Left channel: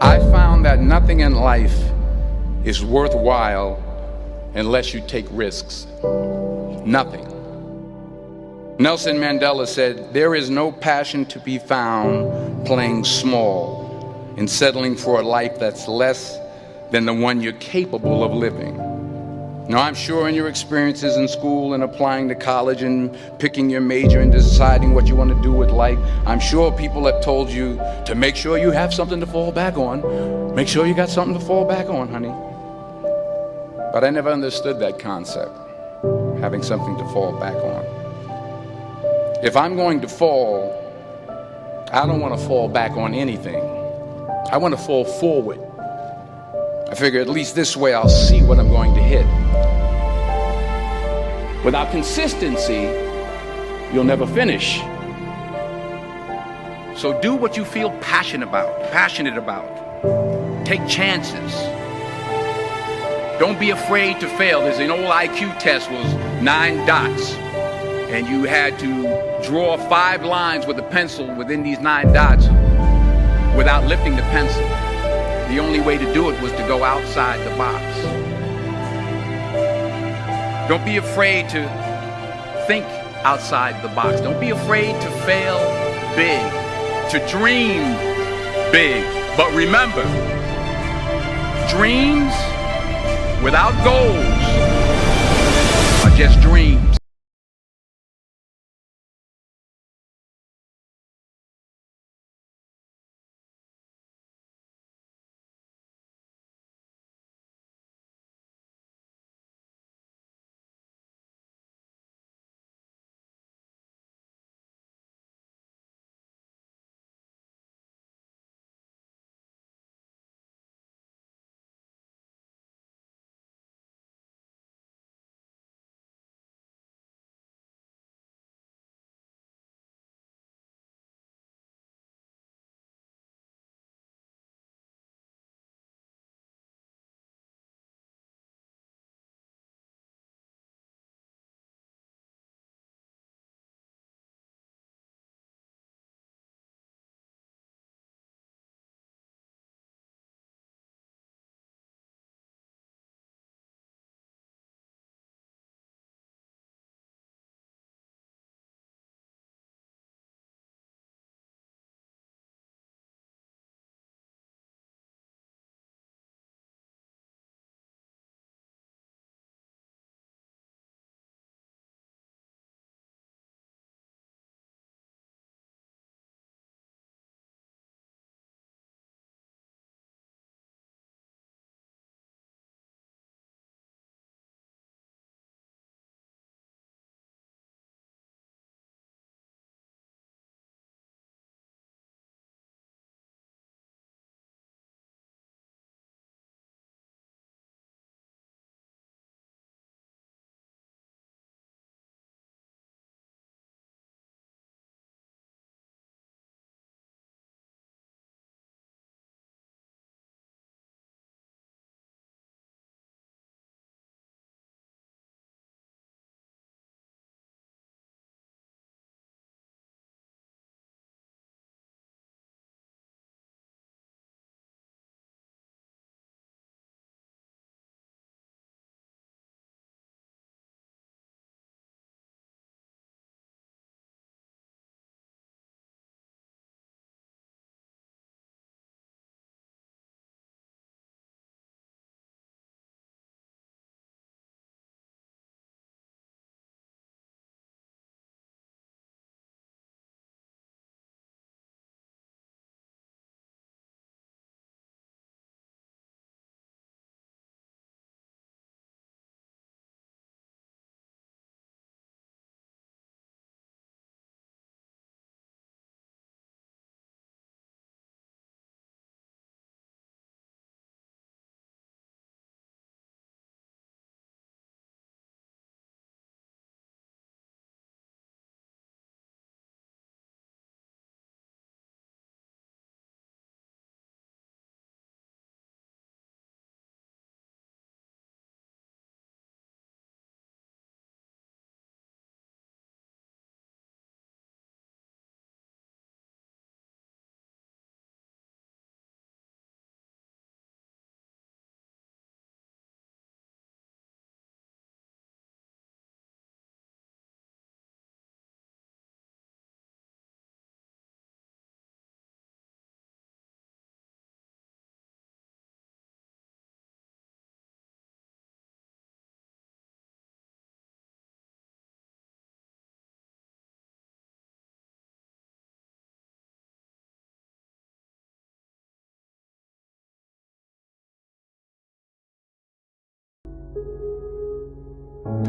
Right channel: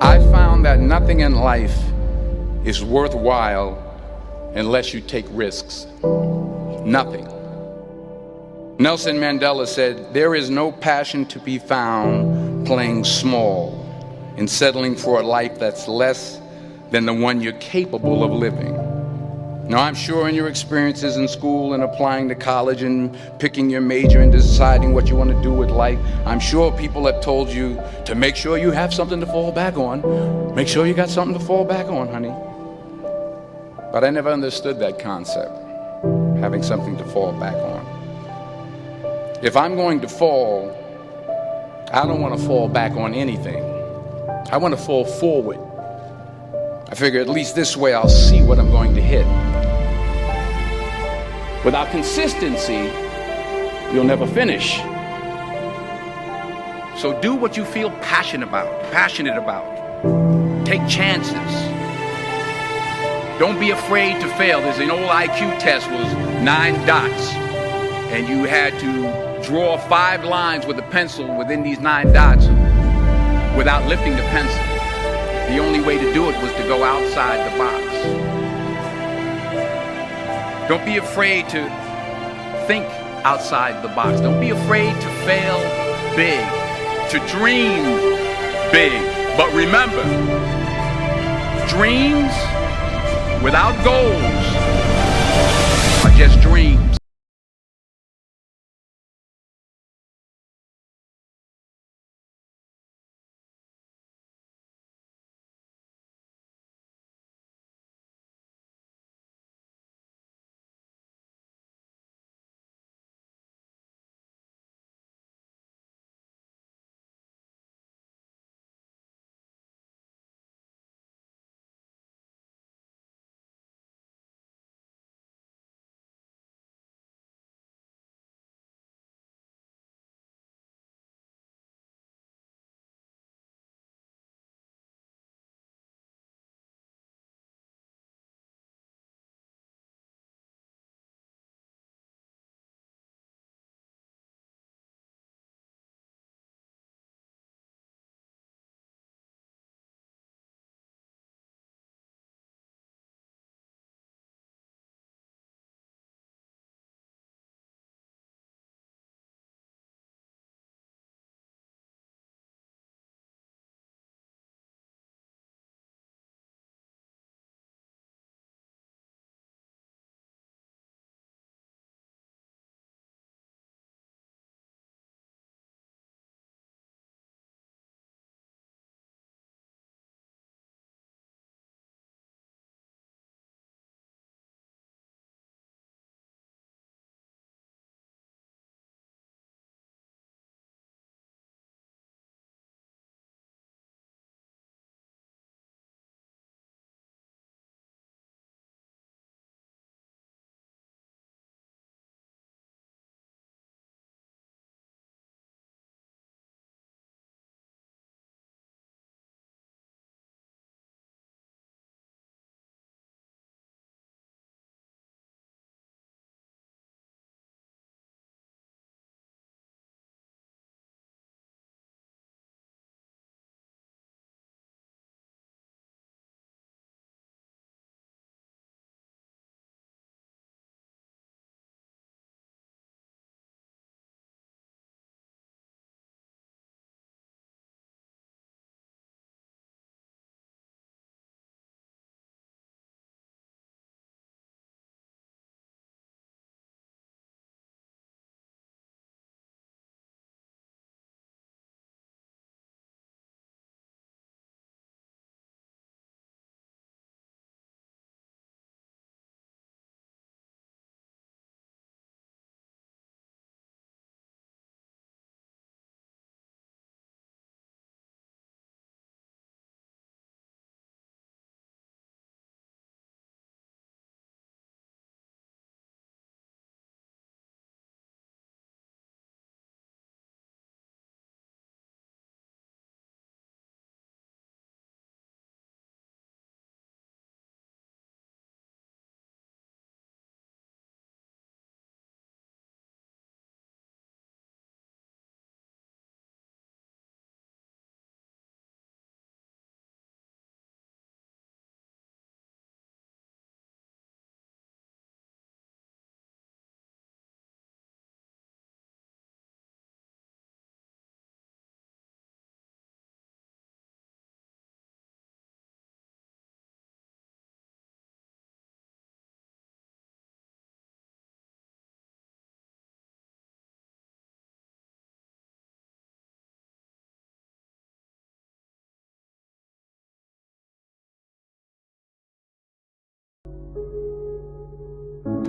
I found that nothing in life is worthwhile unless you take risks. Nothing. Nelson Mandela said, "There is no passion to be found playing small and settling for a life that's less than the one you're capable of living." Now, I'm sure in your experiences in school and applying to college and picking your major and deciding what you want to do with life, I'm sure people have told you to make sure you have something to fall back on. Make sure you got something to fall back on, honey. But I never understood that concept, having something to fall back on. If I'm going to fall, I don't want to fall back on anything. I want to fall forward. I figure at least this way I'll see what I'm going to hit. Without consistency, you'll never finish. So do what you feel passionate about. Take chances. Don't be afraid to fail. There's an old IQ test, was 9 dots, and you had to draw 5 lines with a pencil within these 9 dots without lifting the pencil. The only way to do it was to go outside the box. Don't be afraid to think outside the box. Don't be afraid to fail big, to dream big. But remember, dreams without goals are just dreams.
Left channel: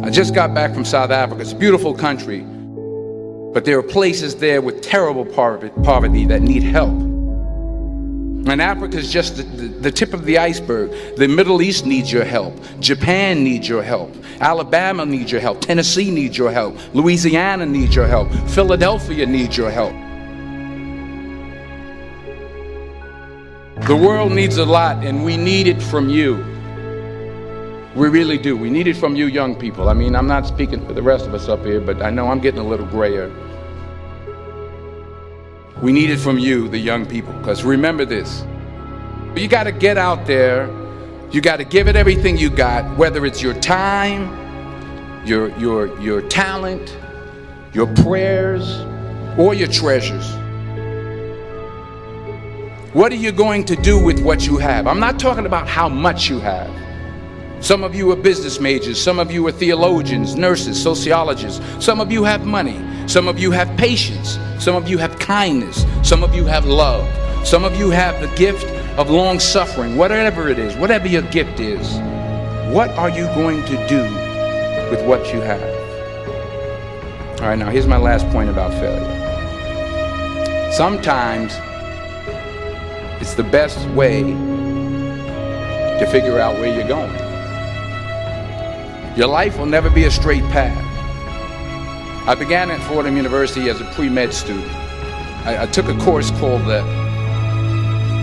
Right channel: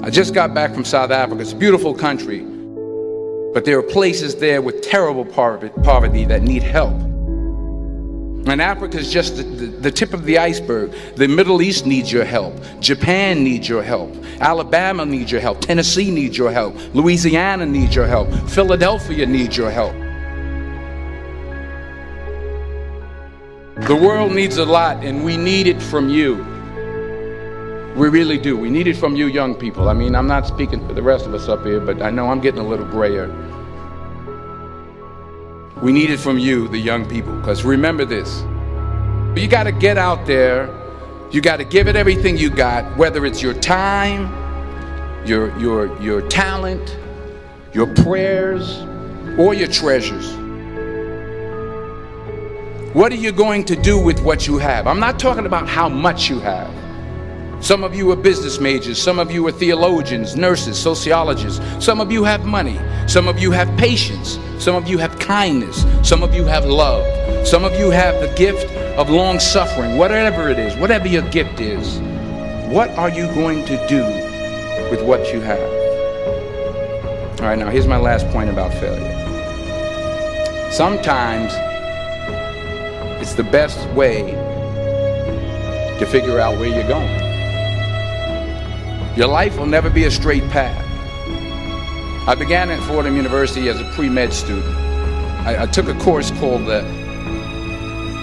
I just got back from South Africa. It's a beautiful country, but there are places there with terrible poverty that need help. And Africa is just the tip of the iceberg. The Middle East needs your help. Japan needs your help. Alabama needs your help. Tennessee needs your help. Louisiana needs your help. Philadelphia needs your help. The world needs a lot, and we need it from you. We really do. We need it from you young people. I mean, I'm not speaking for the rest of us up here, but I know I'm getting a little grayer. We need it from you, the young people, because remember this. You got to get out there. You got to give it everything you got, whether it's your time, your talent, your prayers, or your treasures. What are you going to do with what you have? I'm not talking about how much you have. Some of you are business majors. Some of you are theologians, nurses, sociologists. Some of you have money. Some of you have patience. Some of you have kindness. Some of you have love. Some of you have the gift of long suffering. Whatever it is, whatever your gift is, what are you going to do with what you have? All right, now here's my last point about failure. Sometimes it's the best way to figure out where you're going. Your life will never be a straight path. I began at Fordham University as a pre-med student. I took a course called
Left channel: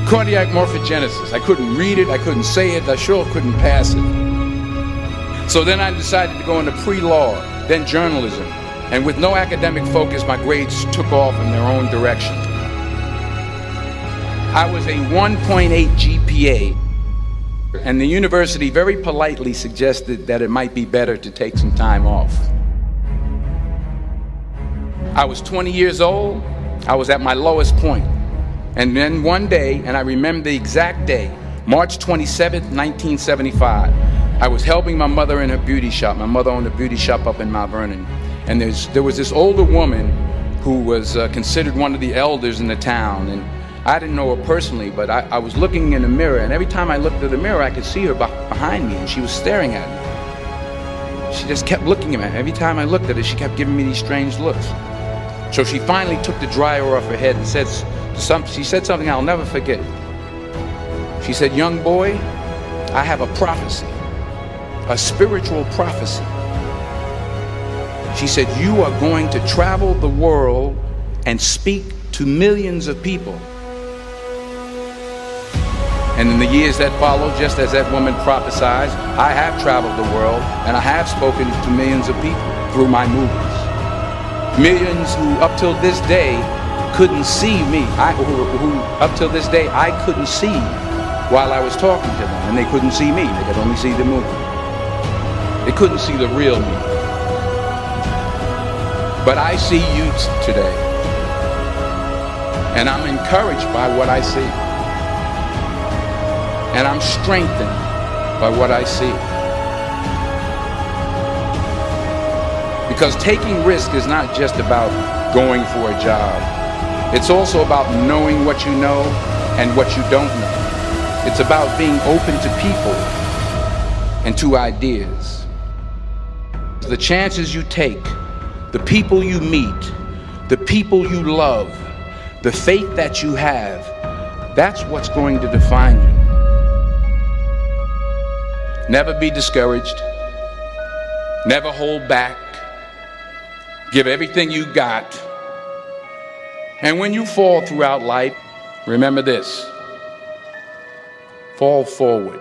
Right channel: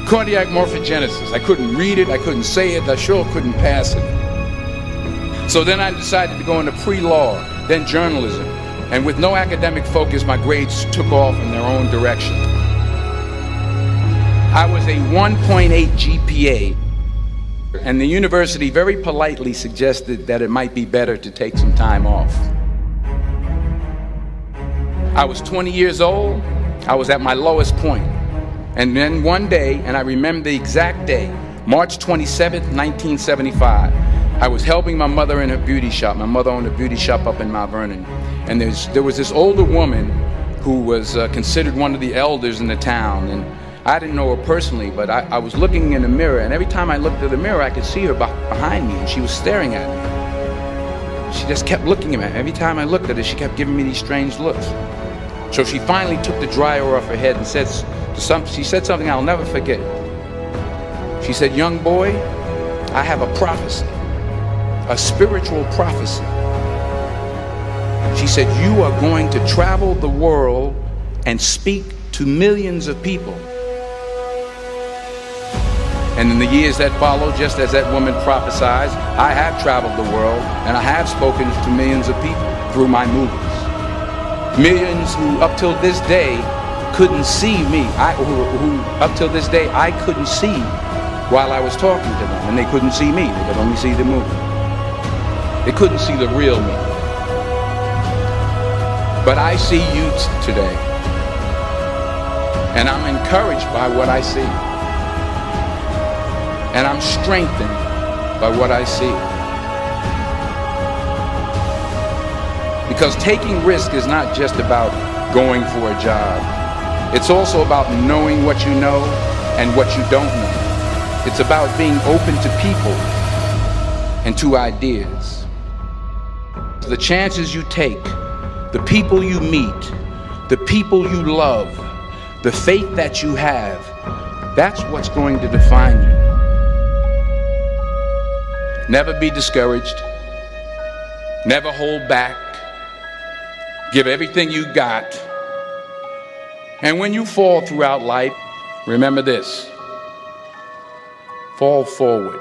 cardiac morphogenesis. I couldn't read it, I couldn't say it, I sure couldn't pass it. So then I decided to go into pre-law, then journalism. And with no academic focus, my grades took off in their own direction. I was a 1.8 GPA. And the university very politely suggested that it might be better to take some time off. I was 20 years old. I was at my lowest point. And then one day, and I remember the exact day, March 27th, 1975, I was helping my mother in her beauty shop. My mother owned a beauty shop up in Mount Vernon. And there was this older woman who was considered one of the elders in the town. And I didn't know her personally, but I was looking in the mirror, and every time I looked at the mirror, I could see her behind me, and she was staring at me. She just kept looking at me. Every time I looked at her, she kept giving me these strange looks. So she finally took the dryer off her head and she said something I'll never forget. She said, "Young boy, I have a prophecy, a spiritual prophecy." She said, "You are going to travel the world and speak to millions of people." And in the years that followed, just as that woman prophesied, I have traveled the world and I have spoken to millions of people through my movies. Millions who up till this day couldn't see me, who up till this day I couldn't see while I was talking to them, and they couldn't see me, they could only see the movie. They couldn't see the real me. But I see you today, and I'm encouraged by what I see. And I'm strengthened by what I see. Because taking risk is not just about going for a job. It's also about knowing what you know and what you don't know. It's about being open to people and to ideas. The chances you take, the people you meet, the people you love, the faith that you have, that's what's going to define you. Never be discouraged. Never hold back. Give everything you got. And when you fall throughout life, remember this: fall forward.